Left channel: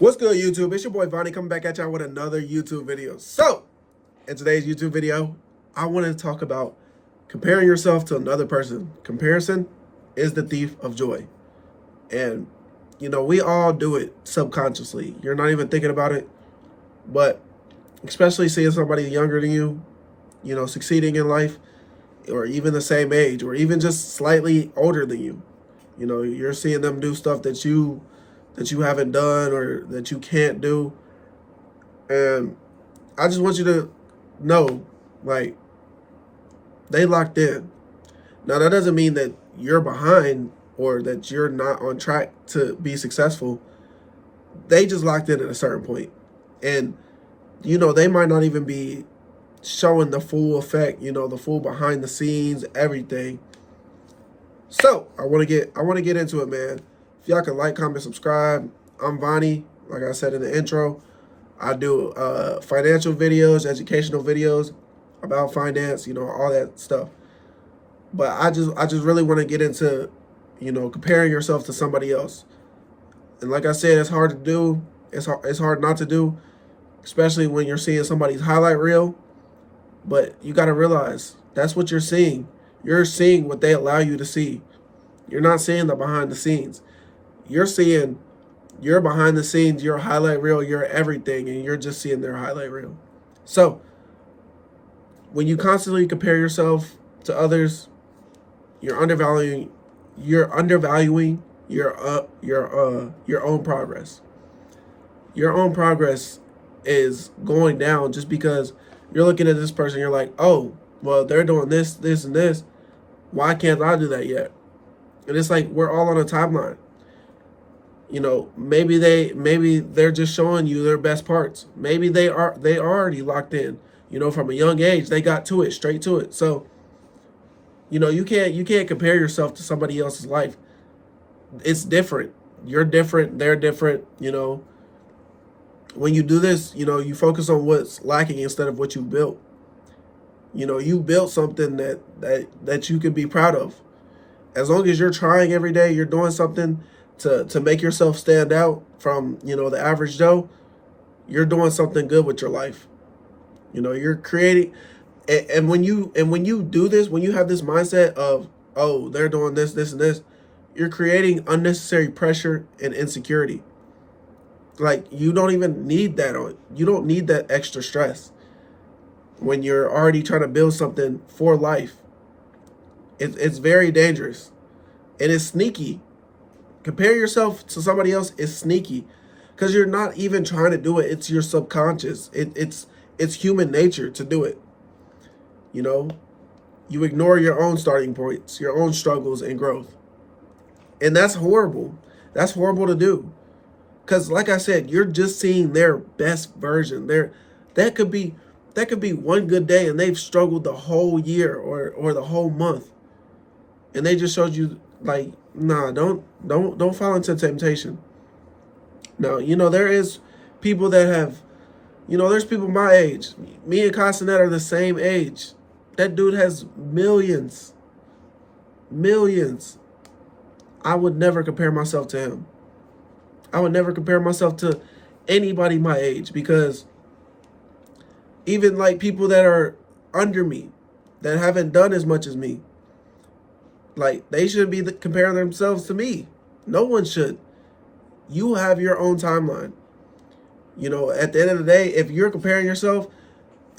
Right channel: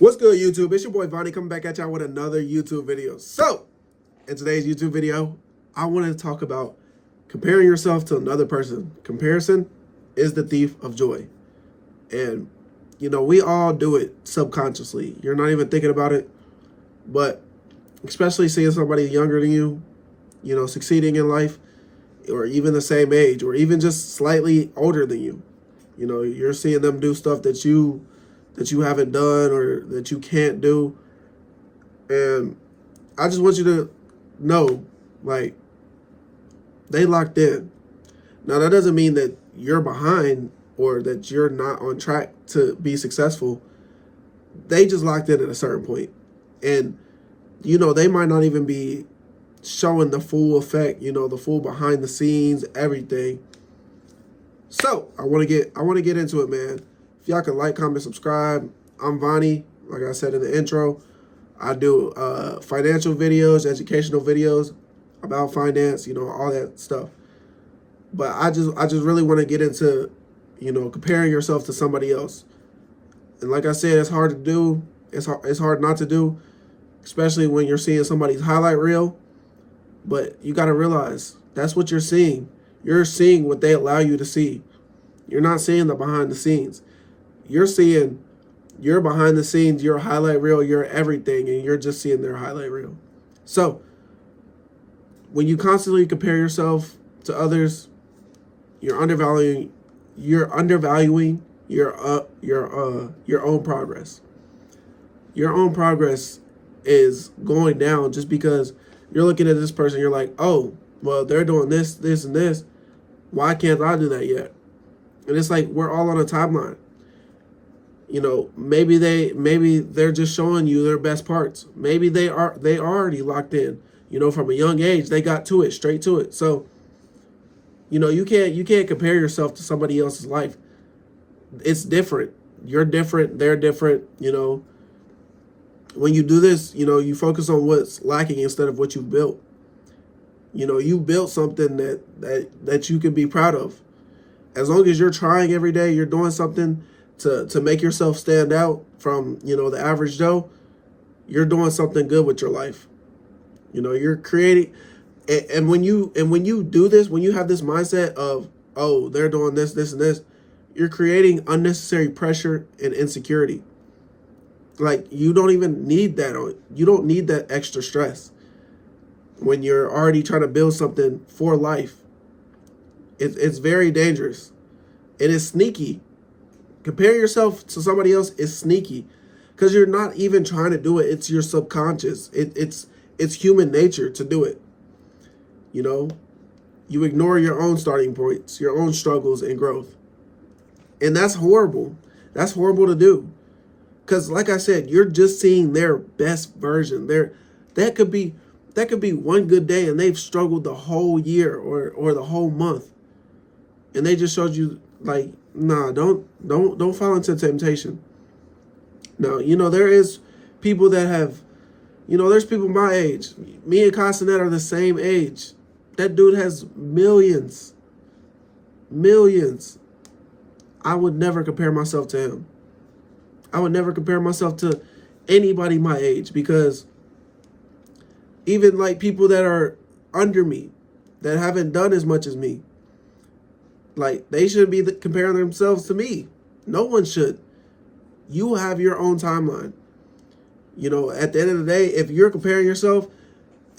What's good, YouTube? It's your boy Vonnie coming back at y'all with another YouTube video. So, in today's YouTube video, I want to talk about comparing yourself to another person. Comparison is the thief of joy. And, we all do it subconsciously. You're not even thinking about it. But, especially seeing somebody younger than you, succeeding in life, or even the same age, or even just slightly older than you. You're seeing them do stuff that you haven't done or that you can't do. And I just want you to know, like, they locked in. Now, that doesn't mean that you're behind or that you're not on track to be successful. They just locked in at a certain point. And, they might not even be showing the full effect, the full behind the scenes, everything. So I want to get into it, man. If y'all can like, comment, subscribe. I'm Vonnie. Like I said in the intro, I do financial videos, educational videos about finance, all that stuff. But I just really want to get into, comparing yourself to somebody else. And like I said, it's hard to do. It's hard not to do, especially when you're seeing somebody's highlight reel. But you got to realize that's what you're seeing. You're seeing what they allow you to see. You're not seeing the behind the scenes. You're seeing your behind the scenes, your highlight reel, your everything, and you're just seeing their highlight reel. So when you constantly compare yourself to others, you're undervaluing your own progress. Your own progress is going down just because you're looking at this person, you're like, oh, well, they're doing this, this, and this. Why can't I do that yet? And it's like we're all on a timeline. Maybe they're just showing you their best parts. Maybe they already locked in. From a young age, they got to it, straight to it. So, you can't compare yourself to somebody else's life. It's different. You're different, they're different, When you do this, you focus on what's lacking instead of what you've built. You built something that you can be proud of. As long as you're trying every day, you're doing something to make yourself stand out from, the average Joe, you're doing something good with your life. You're creating, and when you do this, when you have this mindset of, oh, they're doing this, this, and this, you're creating unnecessary pressure and insecurity. Like, you don't even need that you don't need that extra stress when you're already trying to build something for life. It's very dangerous. And it's sneaky. Compare yourself to somebody else is sneaky because you're not even trying to do it. It's your subconscious. It's human nature to do it. You ignore your own starting points, your own struggles and growth. And that's horrible. That's horrible to do. Because like I said, you're just seeing their best version. That could be one good day and they've struggled the whole year or the whole month. And they just showed you, like, nah, don't fall into temptation. Now, there is people that have, there's people my age. Me and Castanet are the same age. That dude has millions. Millions. I would never compare myself to him. I would never compare myself to anybody my age because even like people that are under me, that haven't done as much as me, like, they shouldn't be comparing themselves to me. No one should. You have your own timeline. At the end of the day, if you're comparing yourself,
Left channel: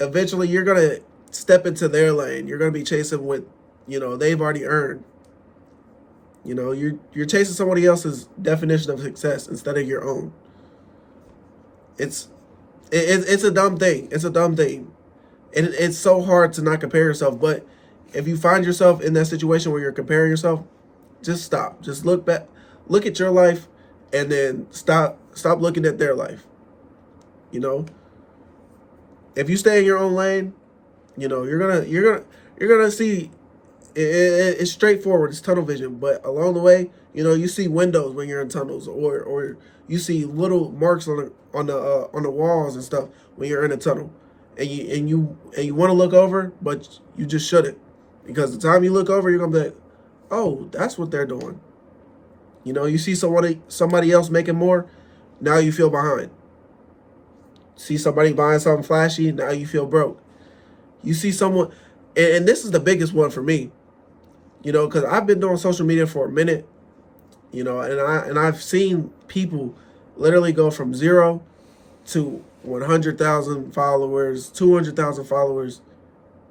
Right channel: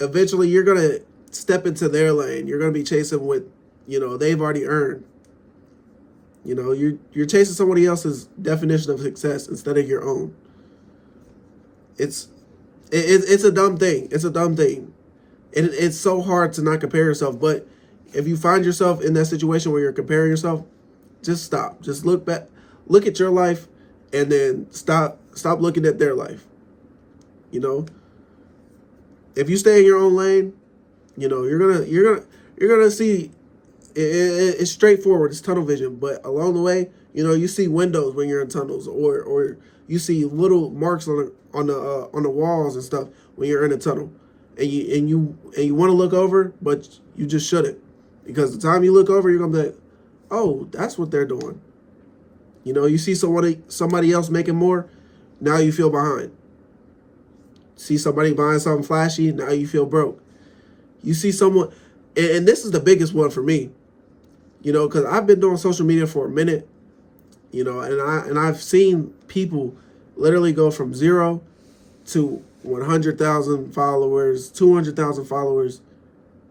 eventually you're going to step into their lane. You're going to be chasing what, they've already earned. You're chasing somebody else's definition of success instead of your own. It's a dumb thing. It's a dumb thing. And it's so hard to not compare yourself. But if you find yourself in that situation where you're comparing yourself, just stop. Just look back. Look at your life and then stop looking at their life. If you stay in your own lane, you're gonna see it's straightforward. It's tunnel vision, but along the way, you see windows when you're in tunnels, or you see little marks on the walls and stuff when you're in a tunnel, and you want to look over, but you just shouldn't, because the time you look over, you're gonna be like, oh, that's what they're doing. You see somebody else making more, now you feel behind. See somebody buying something flashy, now you feel broke. You see someone, and this is the biggest one for me, you know, because I've been doing social media for a minute, you know, and I've seen people literally go from 0 to 100,000 followers, 200,000 followers,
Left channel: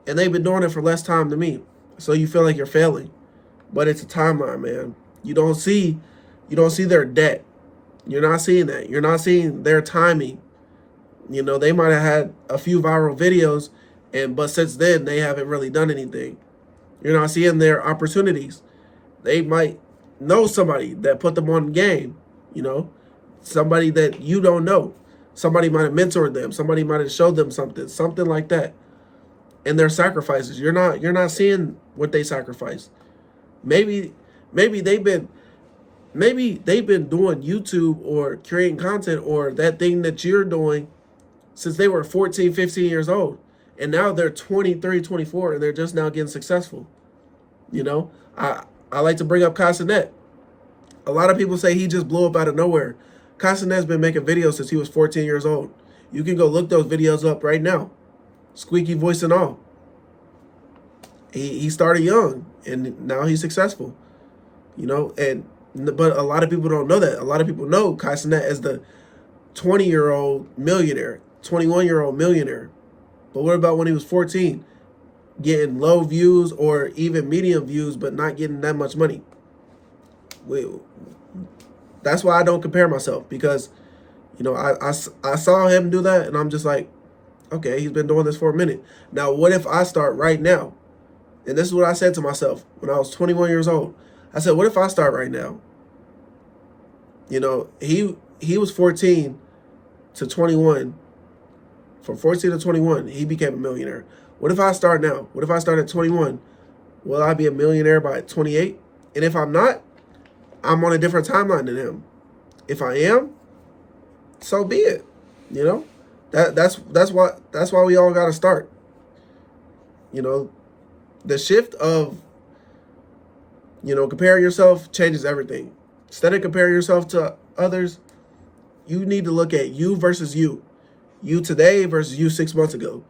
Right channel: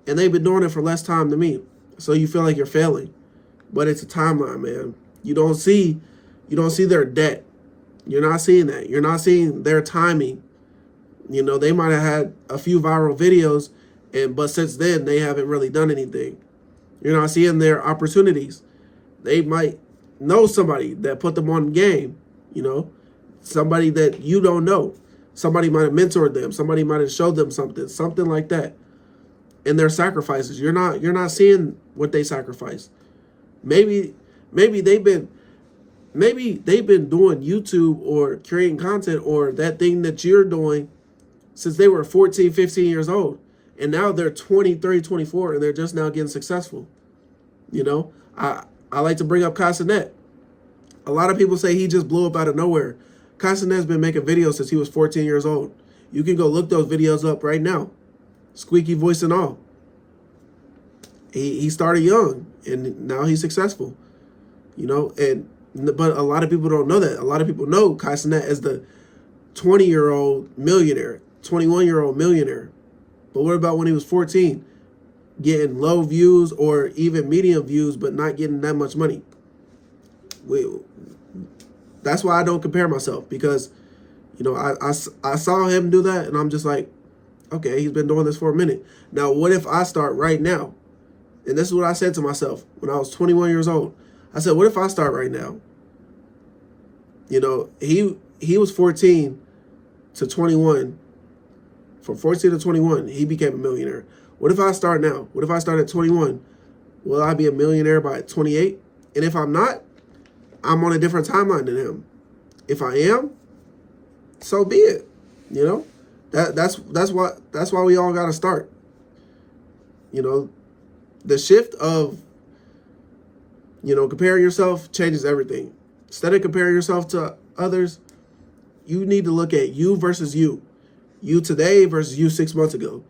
and they've been doing it for less time than me. So you feel like you're failing, but it's a timeline, man. You don't see their debt. You're not seeing that. You're not seeing their timing. You know, they might have had a few viral videos, but since then they haven't really done anything. You're not seeing their opportunities. They might know somebody that put them on game, you know, somebody that you don't know. Somebody might have mentored them. Somebody might have showed them something like that. And their sacrifices. You're not seeing what they sacrificed. Maybe they've been doing YouTube or creating content or that thing that you're doing since they were 14, 15 years old. And now they're 23, 24, and they're just now getting successful. You know, I like to bring up Casanet. A lot of people say he just blew up out of nowhere. Casanet's been making videos since he was 14 years old. You can go look those videos up right now. Squeaky voice and all. He started young, and now he's successful. You know, but a lot of people don't know that. A lot of people know Casanet as the 20-year-old millionaire, 21-year-old millionaire. But what about when he was 14? Getting low views or even medium views, but not getting that much money. That's why I don't compare myself, because, you know, I saw him do that, and I'm just like, okay, he's been doing this for a minute. Now, what if I start right now? And this is what I said to myself when I was 21 years old. I said, what if I start right now? You know, he was 14 to 21. From 14 to 21, he became a millionaire. What if I start now? What if I start at 21? Will I be a millionaire by 28? And if I'm not, I'm on a different timeline than him. If I am, so be it. You know, that's why we all got to start. You know, the shift of, you know, comparing yourself changes everything. Instead of comparing yourself to others, you need to look at you versus you. You today versus you 6 months ago.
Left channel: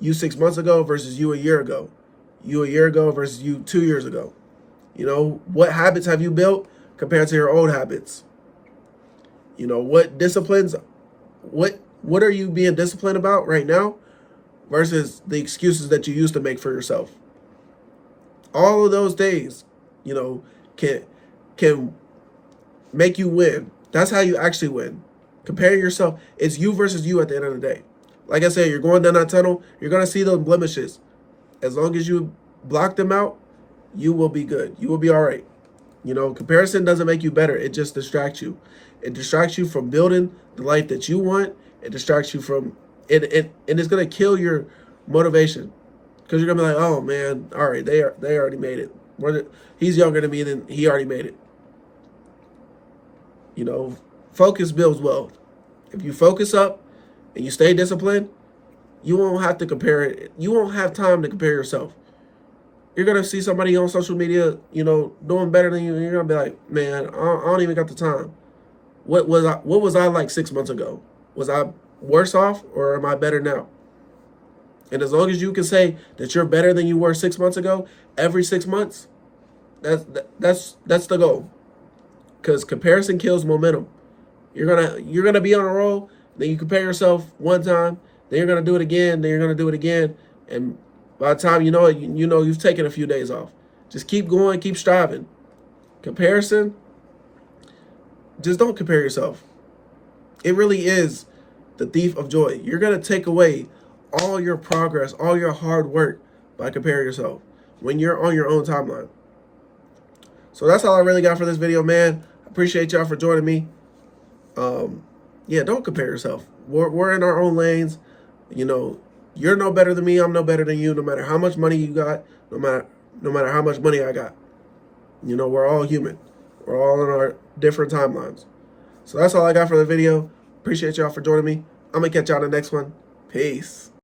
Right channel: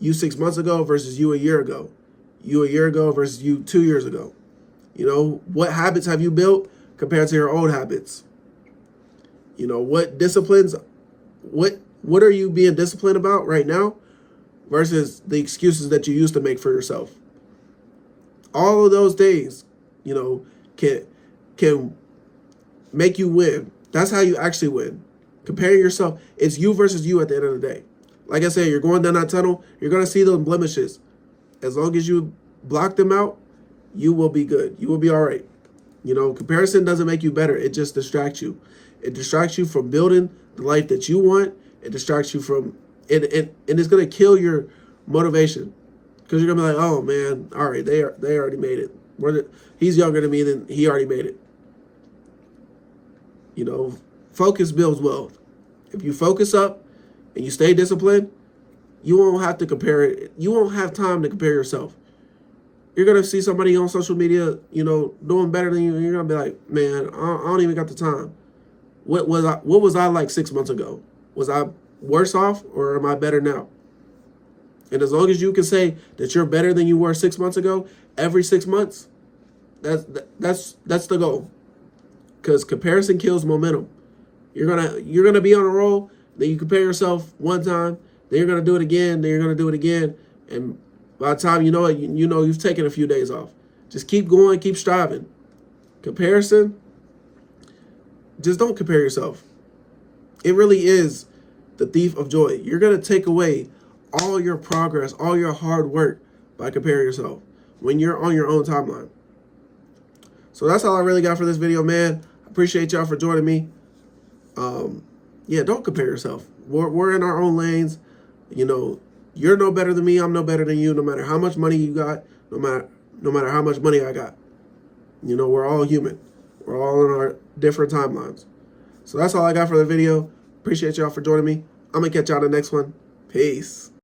You 6 months ago versus you a year ago. You a year ago versus you 2 years ago. You know, what habits have you built compared to your old habits? You know, what disciplines, what are you being disciplined about right now versus the excuses that you used to make for yourself? All of those things, you know, can make you win. That's how you actually win. Comparing yourself, it's you versus you at the end of the day. Like I said, you're going down that tunnel, you're going to see those blemishes. As long as you block them out, you will be good. You will be all right. You know, comparison doesn't make you better. It just distracts you. It distracts you from building the life that you want. It distracts you from, and it's going to kill your motivation. Because you're going to be like, oh, man, all right, they already made it. He's younger than me, then he already made it. You know, focus builds wealth. If you focus up and you stay disciplined, you won't have to compare it. You won't have time to compare yourself. You're going to see somebody on social media, you know, doing better than you, and you're going to be like, man, I don't even got the time. What was I like 6 months ago? Was I worse off, or am I better now? And as long as you can say that you're better than you were 6 months ago, every 6 months, that's the goal. Because comparison kills momentum. You're gonna be on a roll, then you compare yourself one time, then you're gonna do it again, then you're gonna do it again, and by the time you know it, you know you've taken a few days off. Just keep going, keep striving. Comparison, just don't compare yourself. It really is the thief of joy. You're gonna take away all your progress, all your hard work by comparing yourself when you're on your own timeline. So that's all I really got for this video, man. I appreciate y'all for joining me. Yeah, don't compare yourself. We're in our own lanes. You know, you're no better than me. I'm no better than you. No matter how much money you got, no matter how much money I got. You know, we're all human. We're all in our different timelines. So that's all I got for the video. Appreciate y'all for joining me. I'm gonna catch y'all in the next one. Peace.